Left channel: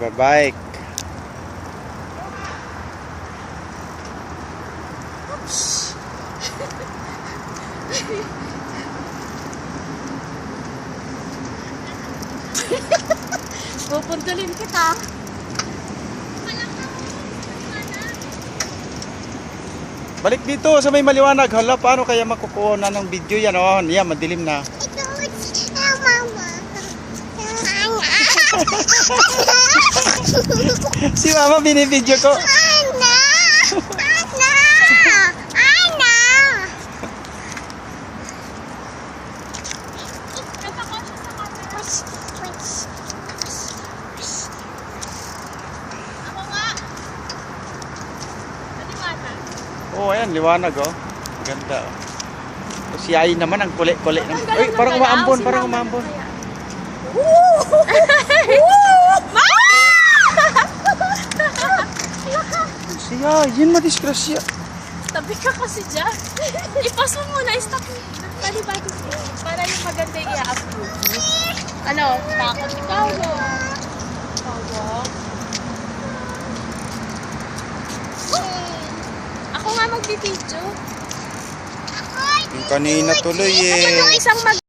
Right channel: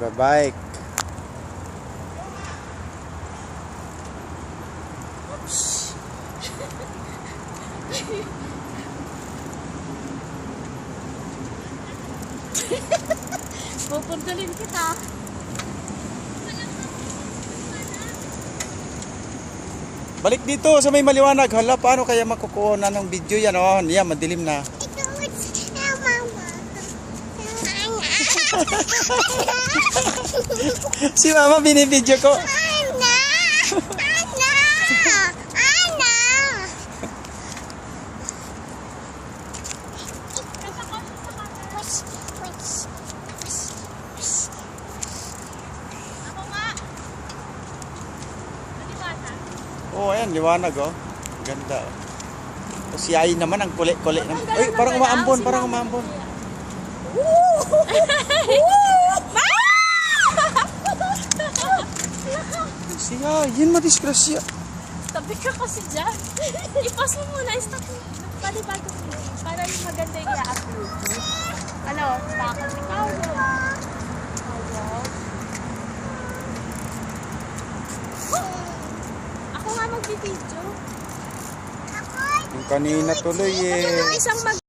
Babike. Pupundulin kita. Balik dito sa may maliwanag. Hala, paano kaya makukuha na ng video yan? Oh, yan, madilim na. Si mama binibidyo ko. Oh, ayan, liwanag oh. Ganda oh. O, si Ai naman ang kulit-kulit. Uy, parang umaambon, parang umaambon. Siya, yun madisgrasya. Tabi ka kasi dyan. I-pause mo muna, i-stop mo. Para yung maganda yung i-upload. Ano, takot ikaw mo. Ako nga magbibidyo. Yung kanina tuloy eh. Yung isang